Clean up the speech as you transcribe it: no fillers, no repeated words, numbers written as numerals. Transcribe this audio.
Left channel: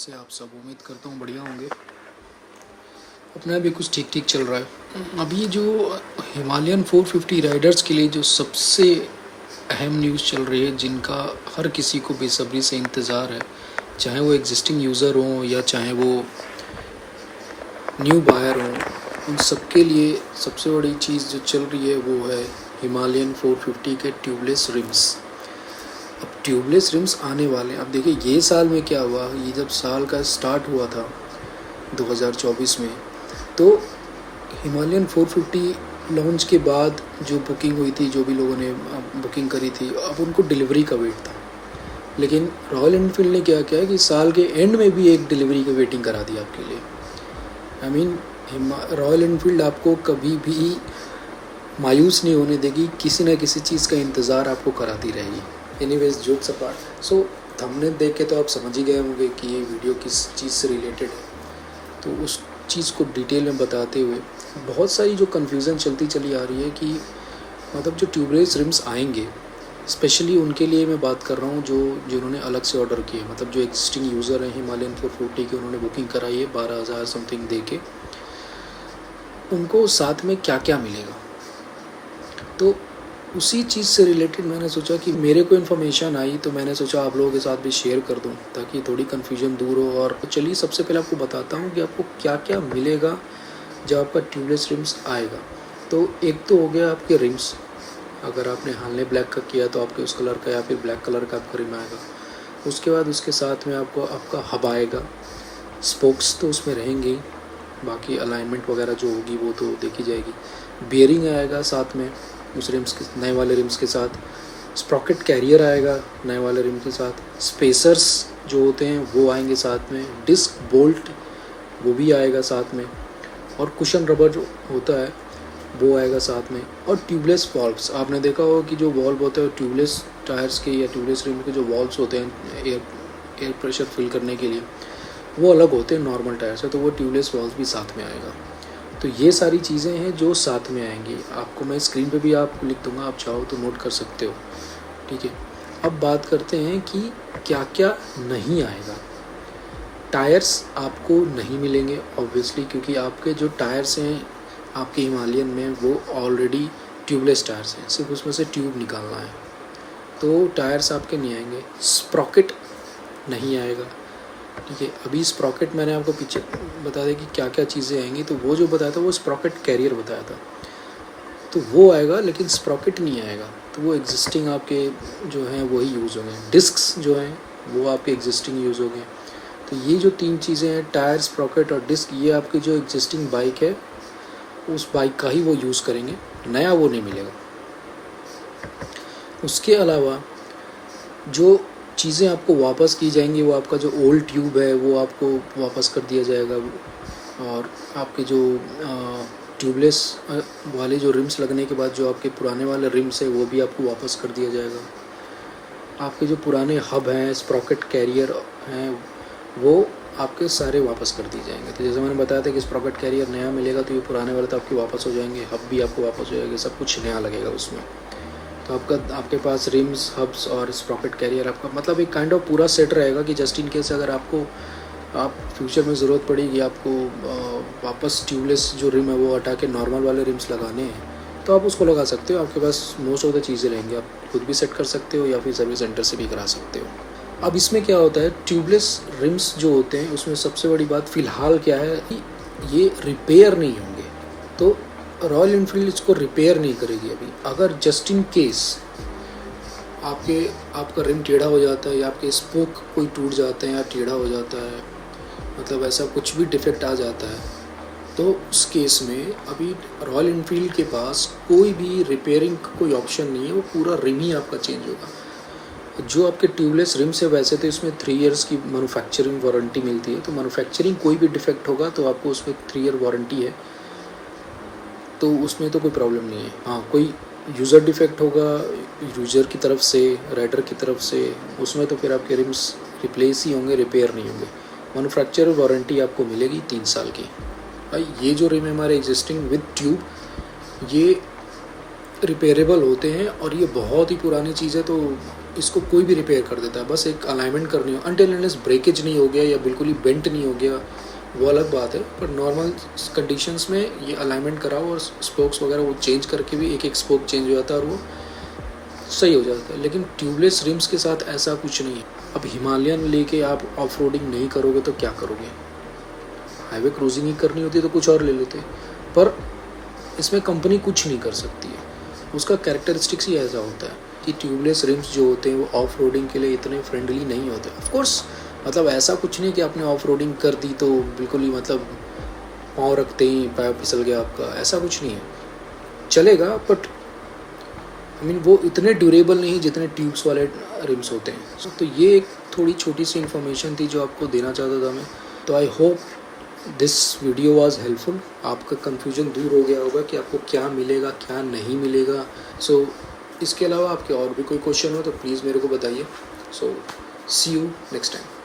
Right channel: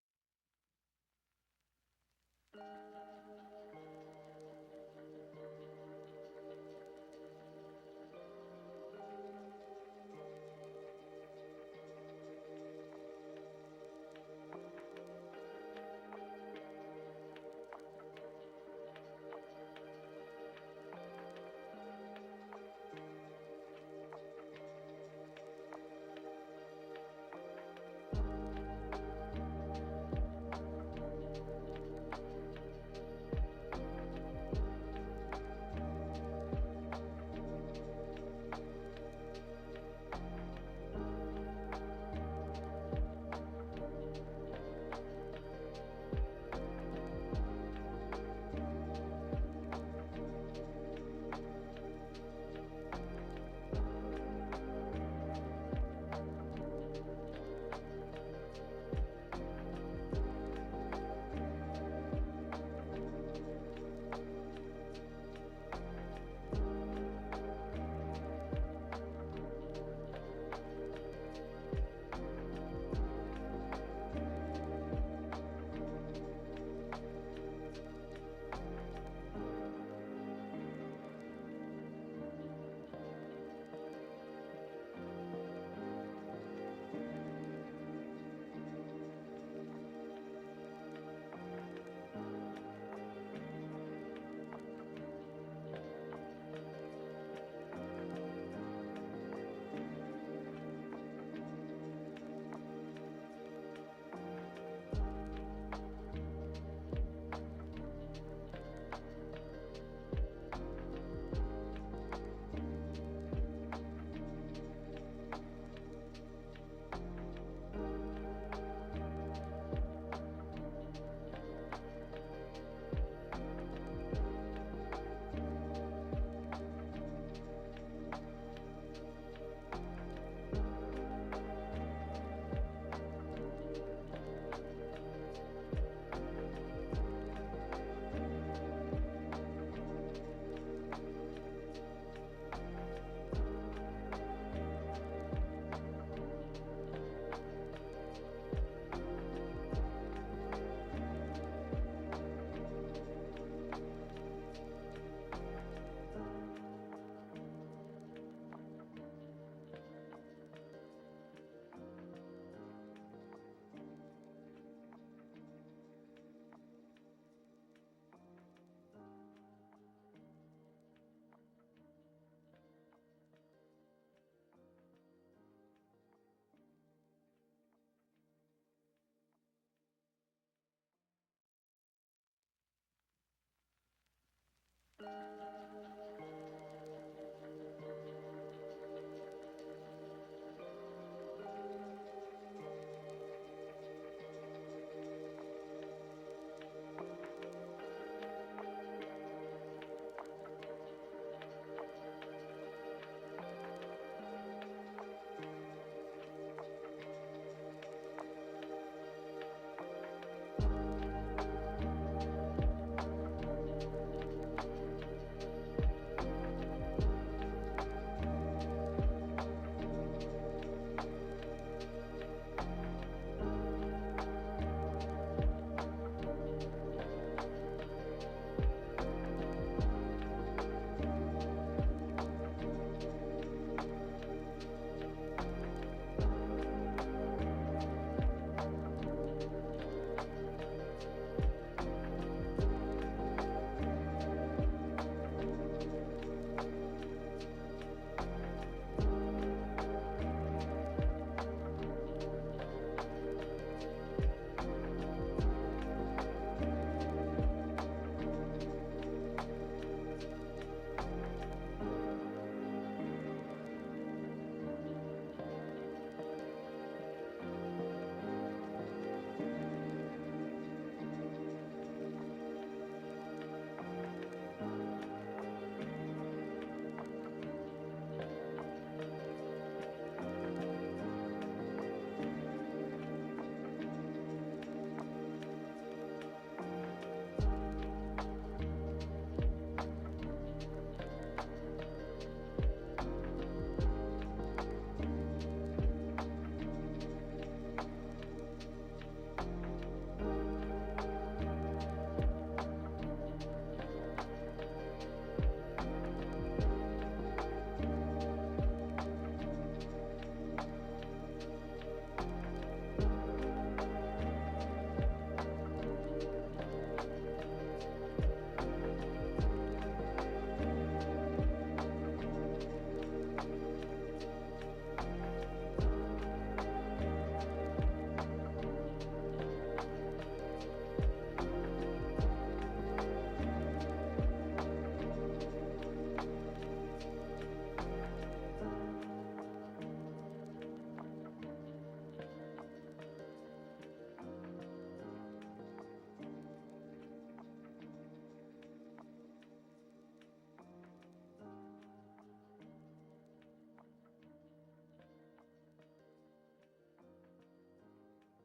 कैसे आप सब? उम्मीद करता हूँ बढ़िया होंगे। अपना भी कुछ ठीक ठीक चल रहा है। अभी जो हिमालयन 450 राइडर्स के लिए जो सबसे अहम न्यूज़ चल रही है, जिनका हर किसी को बेसब्री से इंतज़ार है, चाहे वो एग्जिस्टिंग यूज़र हों या चाहे वो न्यू बायर हों, उन सबके लिए सबसे बड़ी चीज़ जो चल रही है वो है हिमालयन 450 के ट्यूबलेस रिम्स। अब ट्यूबलेस रिम्स आने वाले हैं। अब देखिए ये साल में क्या हुआ, ये जब साल का स्टार्ट हुआ था 2024 में, तो हिमालयन 450 लॉन्च के बाद जो बुकिंग हुई थी, जो भी लोगों ने बुकिंग करी थी, अब उनको डिलीवरी का वेट था। लेकिन रॉयल एनफील्ड ने क्या किया कि साल के एंड में भी एक डिलीवरी का वेटिंग करा दी आपके लिए। आई मीन रॉयल एनफील्ड आपको कभी भी मायूस नहीं होने देगी, किसी न किसी चीज़ का इंतज़ार आपको कराती रहेगी। एनीवेज, जोक्स अपार्ट, सो थंबनेल देख के तो आप समझ ही गए होंगे कि ये वीडियो किस चीज़ से रिलेटेड है। तो उस चीज़ को डिटेल में बताते हुए बहुत सारी जो कन्फ्यूज़न चलती चली आ रही है कि मतलब जो ट्यूबलेस रिम्स आएंगे, स्पेशली उनके लिए मैं बात कर रहा हूँ जो जिन्होंने अलग से ऑर्डर किए, मतलब जो एग्जिस्टिंग यूज़र हैं हिमालयन 450 की, उन्होंने बुकिंग कराई है 12,000 समथिंग दे के, उनको साथ में क्या क्या मिलेगा। तो उसी चीज़ से रिलेटेड मैंने सोचा कि मेरे को इन्फॉर्मेशन आई तो मैंने सोचा आप लोगों के साथ भी शेयर कर दूं ताकि थोड़ी कन्फ्यूजन दूर हो। और चलिए सबसे पहले आपको बताता हूं कि आपको क्या क्या मिलेगा जब आपका ट्यूबलेस रिम्स आएगा। तो एक तो हो गया आपके रिम्स, अगर आपने हाल में ब्लैक का किया तो आपके उस कलर का या फिर ब्लैक कलर का आपका रिम आएगा। उसके बाद उसके साथ में आपको आपका हब आएगा, स्पोक्स तो उसमें रहेंगे, बाकी अलाइनमेंट वगैरह जो होगी वो तो देखी जाएगी। बियरिंग आएगा साथ में उस रिम्स के नए वाले रिम्स के साथ। स्प्रॉकेट कैरियर आएगा नए वाले रिम के साथ। स्पेसर्स जो होते हैं वो आएंगे साथ में। डिस्क बोल्ट वो भी आएगा साथ में। और कुशन रबर जो होता है वो आएगा साथ में। और ट्यूबलेस वॉल्व्स, आपने देखा होगा कि जो वॉल्व होता है ट्यूबलेस टायर्स के या ट्यूबलेस रिम के जो वॉल्व्स होते हैं एयर प्रेशर फिल करने के लिए, वो अलग होते हैं नॉर्मल टायर से, तो वो ट्यूबलेस वॉल्व भी साथ में आएगा। तो ये सारी चीज़ें हैं जो साथ में आएंगी। आपको मैं स्क्रीन पे भी आप लिख दूंगा, आप चाहो तो नोट कर सकते हो, ठीक है। अब बात करते हैं कि क्या क्या नहीं आएगा। टायर्स आपको नहीं मिलेंगे ऑब्वियसली, क्योंकि आपके जो टायर्स हैं आपके हिमालयन में वो ऑलरेडी ट्यूबलेस टायर्स हैं, सिर्फ उसमें से ट्यूब निकालना है, तो टायर्स आपके नहीं आएंगे। स्प्रॉकेट नहीं आएगा, ठीक है। अभी स्प्रॉकेट मैंने आपको पीछे बता दें कि क्या क्या चीज़ें आएंगी, तो वो जो बताया था वो स्प्रॉकेट कैरियर बताया था, तो वो आएगा, लेकिन स्प्रॉकेट नहीं आएगा। तो वो एग्जिस्टिंग आपके जो हैं वही यूज़ होंगे। डिस्क्स जो हैं वो आपके एग्जिस्टिंग यूज़ होंगे। तो ये जो तीन चीज़ें हैं, टायर, स्प्रॉकेट और डिस्क, ये आपकी जो एग्जिस्टिंग बाइक है उस बाइक का ही वो यूज़ करेंगे, नया वो नहीं मिलेगा। उसके अलावा जो चीज़ें आपको वापस की जाएंगी, वो आपका जो ओल्ड ट्यूब है वो आपको वापस कर दिया जाएगा। और आपके जो ट्यूबलेस वाले जो रिम्स लगने के बाद जो आपके पुराने वाले रिम्स है वो भी आपको वापस कर दिया जाएगा। आपके जो पुराने हब हैं, स्प्रॉकेट कैरियर हैं, वो आपके सारे वापस कर दिए जाएंगे। तो जैसे मैंने बताया था कि स्प्रॉकेट कैरियर नया मिलेगा, तो ये पुराने वाले तो आपके वापस हो जाएंगे, हब भी आपको वापस हो जाएगा, सब कुछ नया लगेगा उसमें। तो आपके पास रिम्स, हब्स और स्प्रॉकेट कैरियर आपका मतलब एक काइंड ऑफ पूरा सेट रहेगा कि जस्ट इन केस अगर आपको फ्यूचर में ज़रूरत पड़ेगी, आपको वापस ट्यूबलेस जो रिम है वो हटा के नॉर्मल वाले रिम्स लगाने हैं, तो आप उसको लगा सकते हो। आपके पास मोस्ट ऑफ द चीज़ें रहेंगी, आप खुद भी सेट कर सकते हो या फिर सर्विस सेंटर से भी करा सकते हो। अब इसमें क्या होता है, ट्यूबलेस रिम्स जो होते हैं उसमें सबसे बड़ी बात फ़िलहाल क्या है कि ये रिपेयर नहीं होंगे। तो रॉयल एनफील्ड इसको रिपेयर नहीं करेगी अभी। अगर जस्ट इन केस आपका रिम टेढ़ा हो जाता है या आपके स्पोक कोई टूट जाते हैं या टेढ़ा हो जाता है, मतलब ऐसा कुछ भी डिफेक्ट आ जाता है, तो उस केस में अभी रॉयल एनफील्ड के पास कोई भी रिपेयरिंग कोई ऑप्शन नहीं है, वो पूरा रिम ही आपका चेंज होगा। जो आपके ट्यूबलेस रिम से वैसे तो इसमें 3 इयर्स की मैन्युफैक्चरिंग वारंटी मिलती है, तो मैन्युफैक्चरिंग कोई भी डिफेक्ट होगा तो आपको उसमें 3 ईयर वारंटी है, तो उसमें तो कोई प्रॉब्लम नहीं है। हाँ, कोई यूज़र डिफेक्ट होगा यूज़र की तरफ से, राइडर की तरफ से, उसमें तो फिर आपके रिम्स रिप्लेस ही होंगे, रिपेयर नहीं होंगे। मैन्युफैक्चरर वारंटी आपको मिलेगी 3 साल की। भाई ये जो रिम है हमारे एग्जिस्टिंग विद ट्यूब, ये रिपेयरेबल होते हैं और ये बहुत ही पुरानी चीज़ है, तो इसको कोई भी रिपेयर कर देता है। बस एक अलाइनमेंट करनी हो, अनटिल अनलेस ब्रेकेज नहीं हो गया या बिल्कुल ही बेंट नहीं हो गया, वो अलग बात है। पर नॉर्मल कंडीशंस में ये अलाइनमेंट कराओ और स्पोक्स वगैरह वो चेंज करके भी एक स्पोक चेंज हो जाता है और वो सही हो जाता है। लेकिन ट्यूबलेस रिम्स के साथ ऐसा कुछ नहीं है। अब हिमालयन लेके आप ऑफ रोडिंग नहीं करोगे तो क्या करोगे? हाईवे क्रूजिंग ही करनी होती तो कुछ और ले लेते, पर इसमें कंपनी कुछ नहीं कर सकती है। उसका कैरेक्टरिस्टिक्स ही ऐसा होता है कि ट्यूबलेस रिम्स जो होते हैं वो ऑफ रोडिंग के लिए इतने फ्रेंडली नहीं होते। ऑफ कोर्स मतलब ऐसा कुछ नहीं कि आपने ऑफ रोडिंग कर दी तो बिल्कुल ही मतलब पाँव रखते ही पैर फिसल गया आपका, ऐसा कुछ नहीं है, चलेगा। बट आई मीन वो इतने ड्यूरेबल नहीं जितने ट्यूब्स वाले रिम्स होते हैं। तो ये एक थोड़ी छोटी सी इन्फॉर्मेशन थी जो आपको देना चाहता था मैं। तो I hope this video was helpful. आपका कन्फ्यूजन दूर हो गया होगा कि आपको क्या मिलेगा क्या नहीं मिलेगा। सो इसके अलावा आपके और भी कोई क्वेश्चन हो तो प्लीज़ मेरे को बताइए। सो सी यू नेक्स्ट टाइम।